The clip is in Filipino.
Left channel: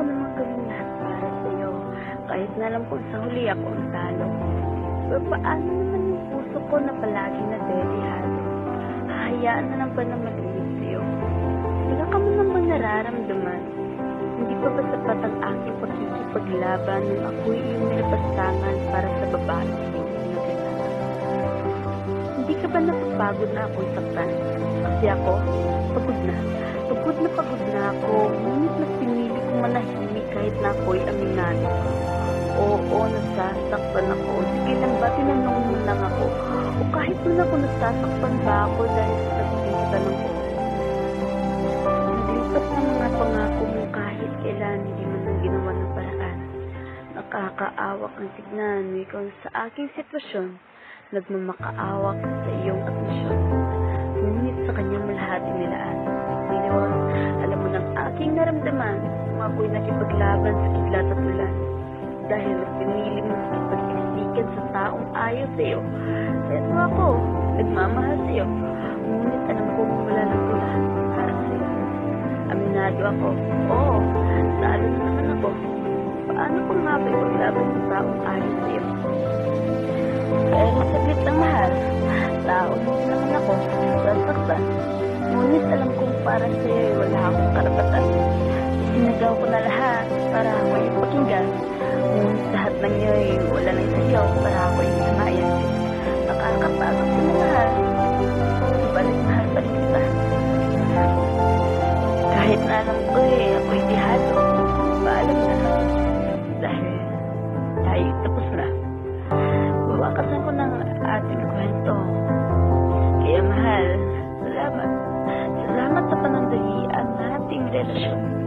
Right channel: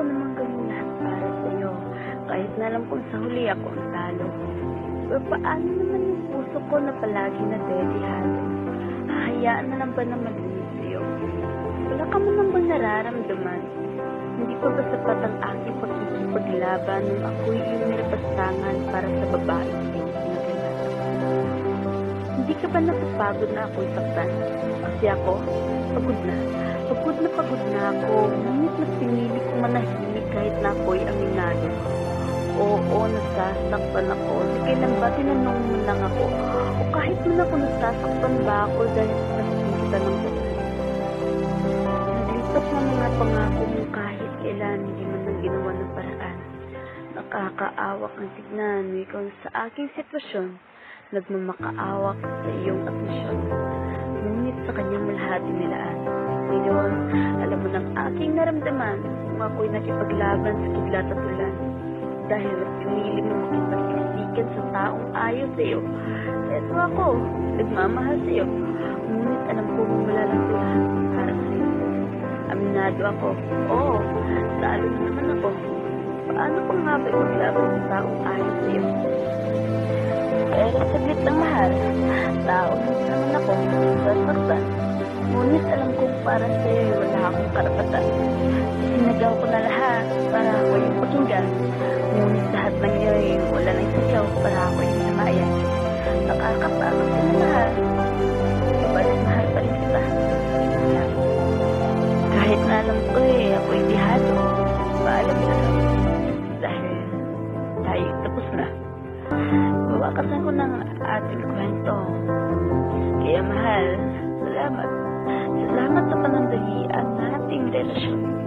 ko namang gawin lahat para sa'yo, kahit na alam kong sa huli ako ang talo. Pero paano naman yung puso ko na palagi na dedihado? Hahayaan na lang ba na malimit sa'yo? Wala ka man lang bang nararamdaman? Hindi pa ba sapat ang aking pagkikipaglaban nung ako'y iyong nilapastangan para sa babae iyong pinaglalatan? Hindi ka ba napapagod na ako'y saktan? Kasi ako, pagod na. Pagod na ako, ngunit mas pinili kong manahimik kahit na ako'y aminado. Oo, nasasaktan ako. Sige lang ba, tinanong mo lang ako. O kahit man ako nasasaktan ba ako dahil sa sabihin kita ng oo. Naglipas na mga pangako mo kahit kailan hindi man lang ginawa ng paraan. Nakakaawak ang tignan mo ikaw sa aking sitwasyon. Nagmamakaawak sa iyong admisyon. Ngunit sa kanyang malahati nilaan. Ngayon, alam mo ng aking naramdaman kung ako'y nakipaglaban sa kidlat at ulan. Dahil mas pinili mo makipagsiksikan sa taong ayaw sa iyo. Eto ako, nagmamahal sa iyo. Ngunit alam kong wala lang ito lahat para sa iyo. Aminado ako. Oo, talo na naman ako. Paano pa nga ba ipaglaban sa taong ayaw sa iyo? Pero saglit lang mahal. Tao na din naman ako. Sasaktan. Ngunit alam kong para sa iyo wala akong karapatan. Isinagaw ko na lahat para ako yung pakinggan. Ngunit lahat ng iyo wala nang sayaw para ako yung namayan. Nakakapagod ka na mahal. Subalit mahal pa rin kita. Kahit na alam ko ako'y dihado. Paalam na. Dahil tayo tapos na. Wawakasan ko ng ating kwento. Kaya mahal, salamat. Salamat sa panandalian nating relasyon.